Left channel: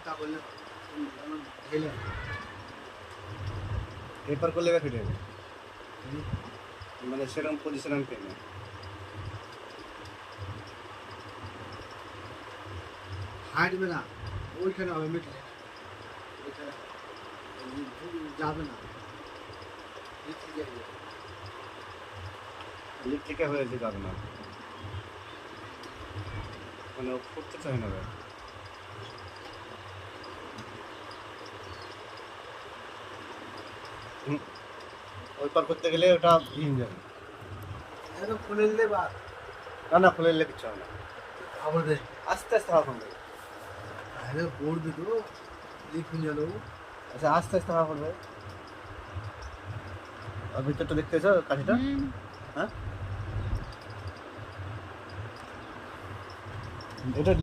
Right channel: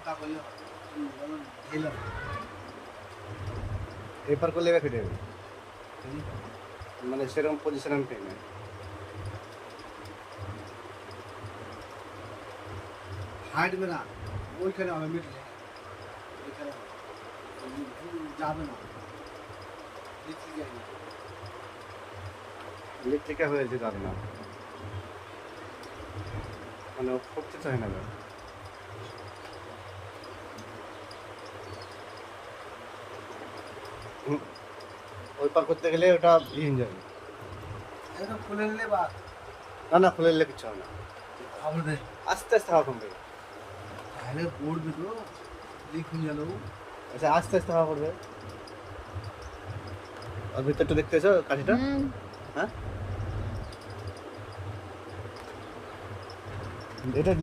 মোটা করলে হবে যেমন ঢেলে এরপর করলে এবার ফেটে যাবে মানে সেরকম পজিশন আমি পাইনি হাঁটবে না ওইখানে হবে মিটলে ওইখানে হবে যাবে না লিখে যাবে লিকলিকা হয়েছে দাঁড় না মানে ও ফুটতে চায় না এবার। ওই পার করতে গেলে ওটা ভিন যাবে এটা খুলে নিলে বা না না খুলে নিলে কিচ্ছু হবে না হবে আস্তে আস্তে হাওয়া কমবে আরে পড়বে তো লিখুন গেল আচ্ছা আস্তে আস্তে হাওয়া করবে ওর ভিতরটা দেখতে এসো কাঠিটা হ্যাঁ এটা